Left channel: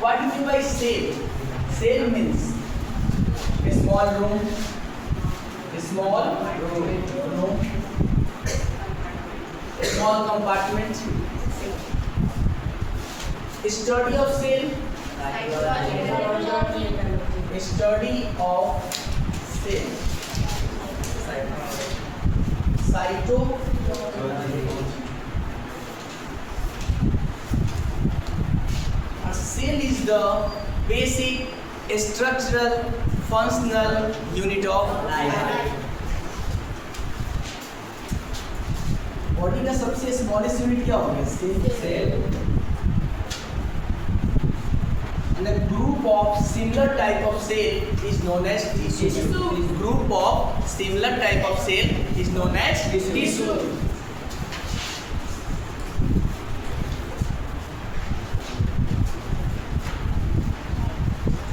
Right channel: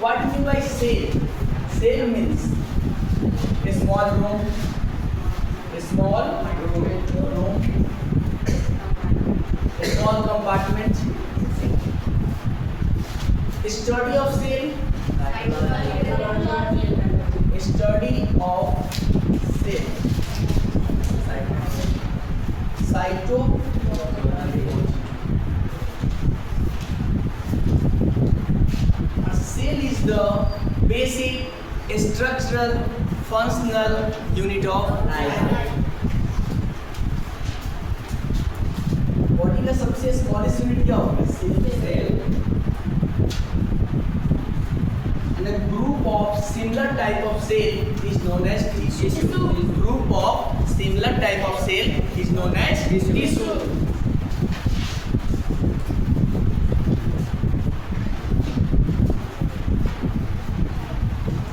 What do you mean by cell? Cell means a small room, a small compartment. Study of cell. Study of cell. Cytology. A cell is the basic structural functional unit of life. Body का सबसे smallest unit क्या होगा? Cell. And the group of similar type of cell is known as tissue. Group of similar type of cell is known as tissue.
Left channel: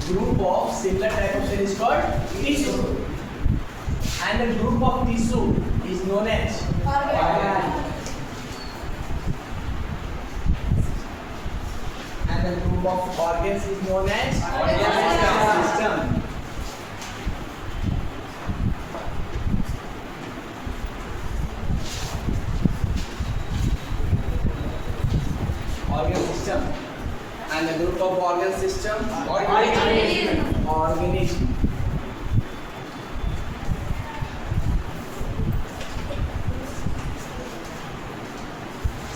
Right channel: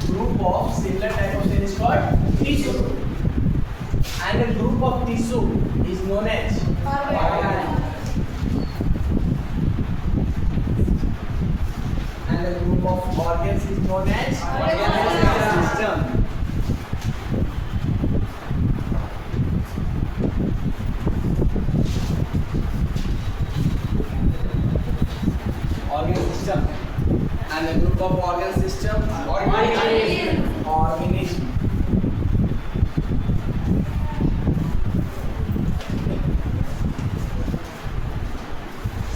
Group of similar type of cell is called tissue. And the group of tissue is known as organ. And the group of organs is known as organ system. Organ system. And the group of organ system, organism.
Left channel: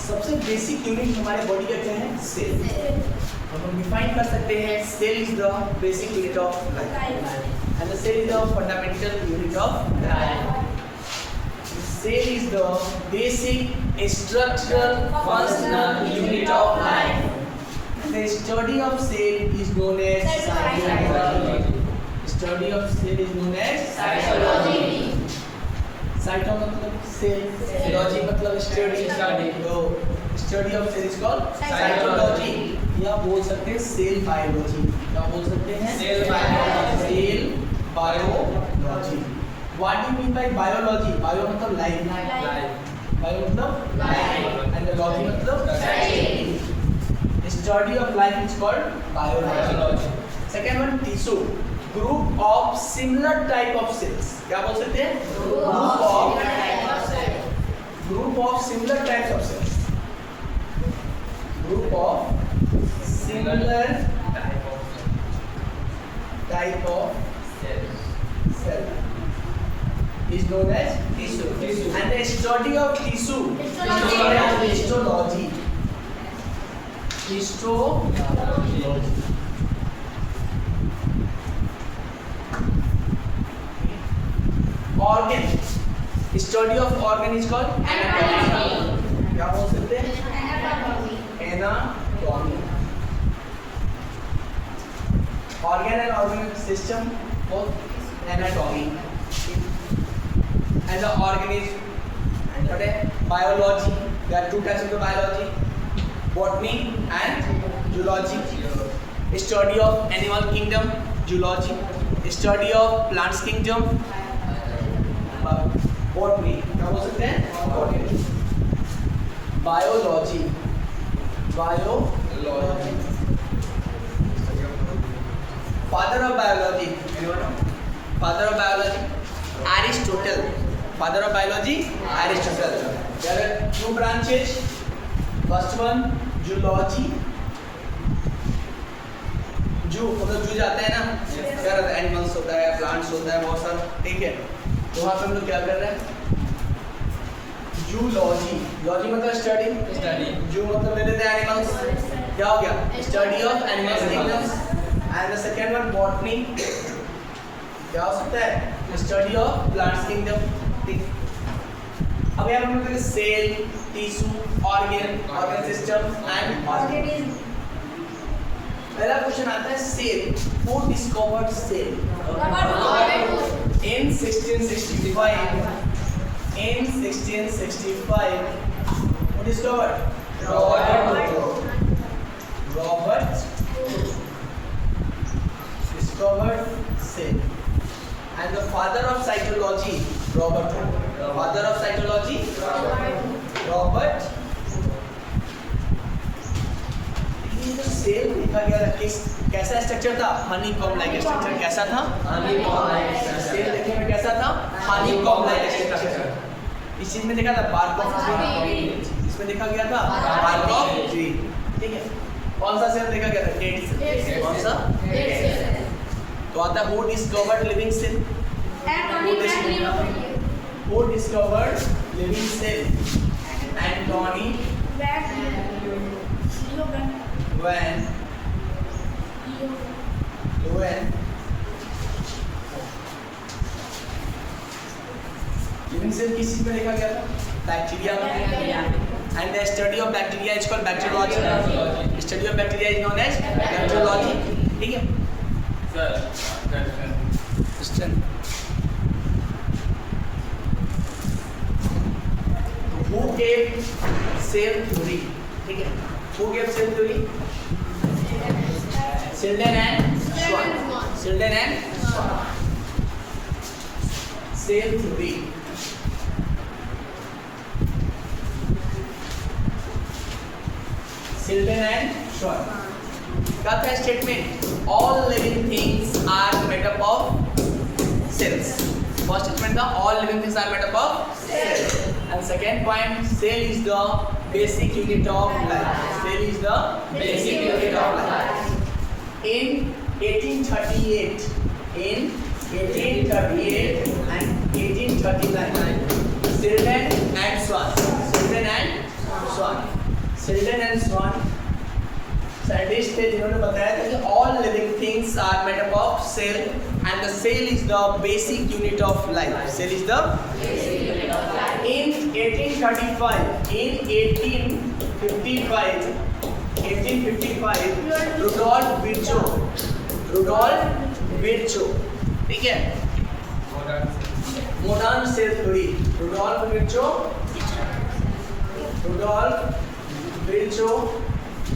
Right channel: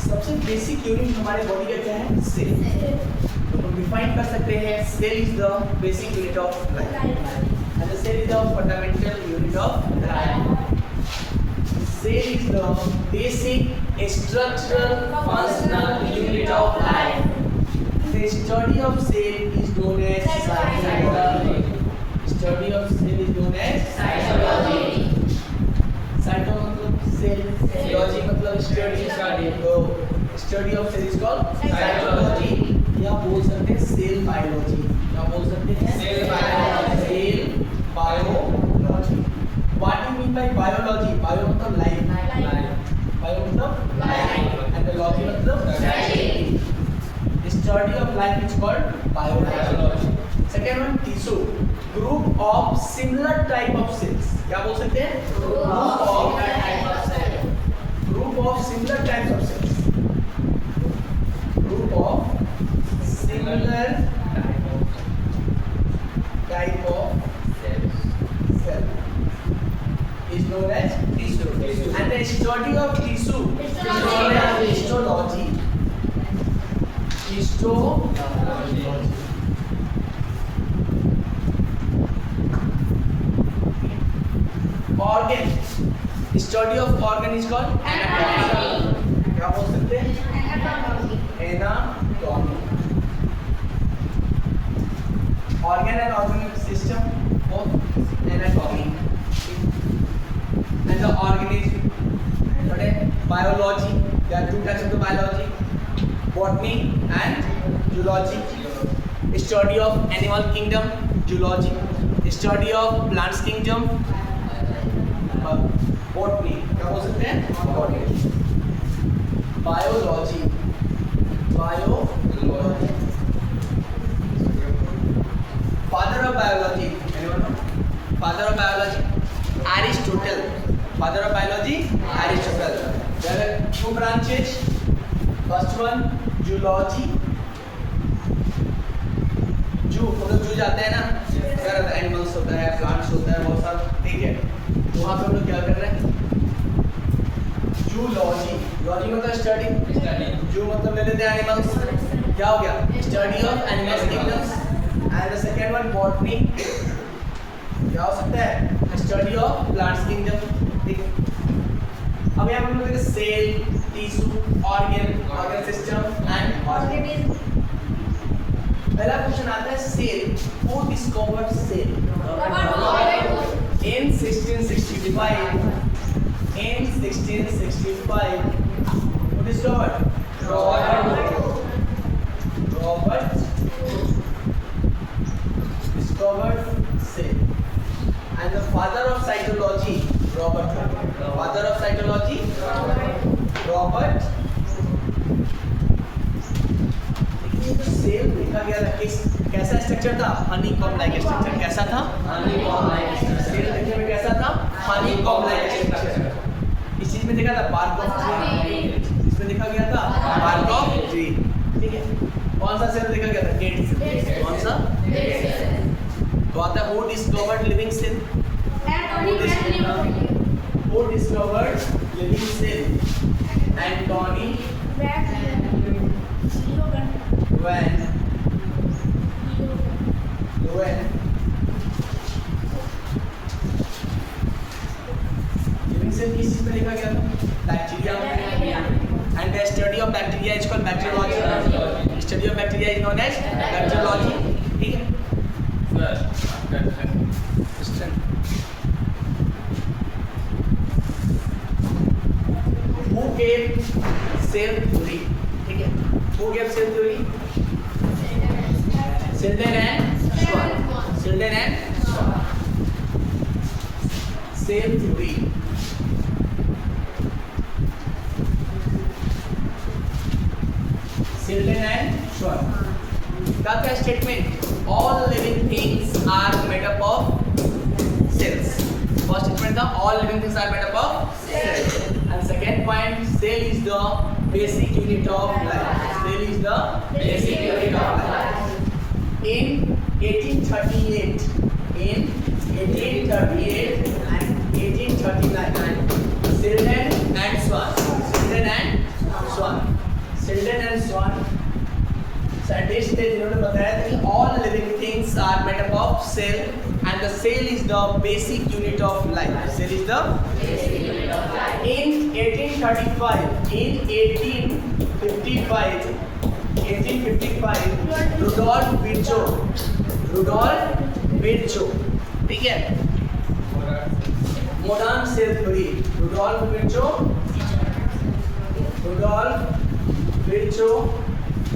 सबसे basic unit हमारे body का क्या है? Cell. तो हम define कर सकते हैं cell is the basic unit of life and the cell is the fundamental unit of life. Cell is the basic structural functional unit of life. The study of cell is known as cytology. Study of cell is known as cytology. Cyto मतलब cell, logy मतलब study. तो study of cell is called cytology. या बोल सकते हैं cell biology. क्या बोल सकते हैं? Cell biology. Cell biology. What do you mean by biology? Bio मतलब life. Bio मतलब life. And the logy मतलब study. Study of life is called biology. Second one, tissue. Group of similar type of cells. क्या बोल सकते हैं? Group of similar types of cells. Group of similar type of cell is known as tissue. And the study of tissue is known as histology. Histology. Organ. Study of organ is called anatomy. क्या बोल सकते हैं? Anatomy. Organ and organ system both anatomy. And the organism. What is biology? There are two types of the biology. Botany and zoology. Study of animal kingdom, zoology. Study of plants kingdom, botany. क्या बोल सकते हैं? Botany. Biology. Biology. Father of biology. Anyone know? Father of biology. Aristotle. Father of biology. Aristotle. There are two branches. First one, zoology. जू मतलब जू जाते हैं ना, यार एनिमल्स होता है, प्लांट्स होता है, बहुत सारा, ठीक है. तो वहाँ पे हम लोग क्या कर रहे हैं? जूलॉजी. लॉजी मतलब स्टडी. जू मतलब ले लेते हैं एनिमल्स. क्या हो गया? Study of animals kingdoms. And the second one botany. क्या हो सकता है? Study of plants kingdom. ठीक. अब यहाँ पे हम लोग cell, tissue, organ system and organism. पहला क्वेश्चन आता है cell. Who discovered cell? In 1665. In 1665. Who discovered? Robert discovered cell. And the father of cytology, Robert. Father of cytology, Robert. He is cell देखा गया था किस कैसा structure था, honeycomb like structure. कैसा था? Honeycomb like. सेल देखने में कैसा था? Honeycomb like structure. इस चीज में देखा था बार्क ऑफ ट्री, इसमें देखा गया था बार्क ऑफ ट्री। ठीक है, कौन सा सेल देखा गया था? Dead cell. कौन सा? Dead cell. तो आता है who discovered living cell? Who discovered living cell? Anthony Van Leeuwen. Living cell किस चीज में लिखा गया था? बैक्टीरिया में। And the study of bacteria is called bacteriology. Study of bacteria is known as bacteriology. ठीक है? Who gave cell theory? ठीक है, Who gave cell theory? Sheldon and Schwann. Sheldon and Schwann. Cell theory. Sheldon and Schwann. क्या था statement? All living things are made up of cells. First statement था all living things are made up of cells. And second point, cell is the basic unit of life. Cell is the basic unit of life. In 1838 and 1839, Sheldon and Schwann scientist थे जिन्होंने बताया था कि all living things are made up of cell and the cell is the basic unit of life. Cell is the basic unit of life. In 1855, Rudolf Virchow, ठीक है, modern cell theory. Rudolf Virchow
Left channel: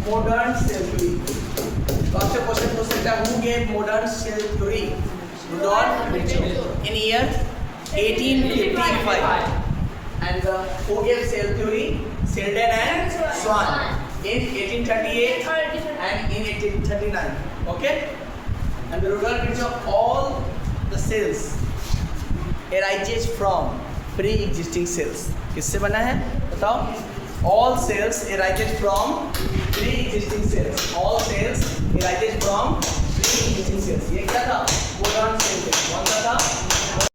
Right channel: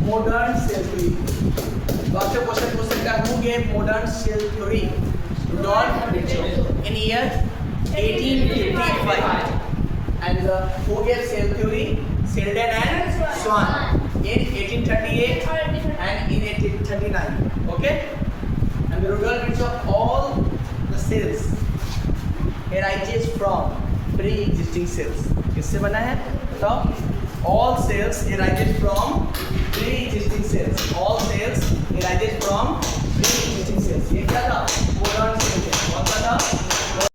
modern cell theory. तो आपसे question पूछ सकता है who gave modern cell theory? Rudolf Virchow in year 1855. And who gave cell theory? Sheldon and Schwann in 1838 and in 1839. Okay? And Rudolf Virchow, all the cells arises from pre-existing cells. किससे बना है बताओ? All cells arises from pre-existing cells. All cells arises from pre-existing cells. ये क्या था? Modern cell. कौन सा था?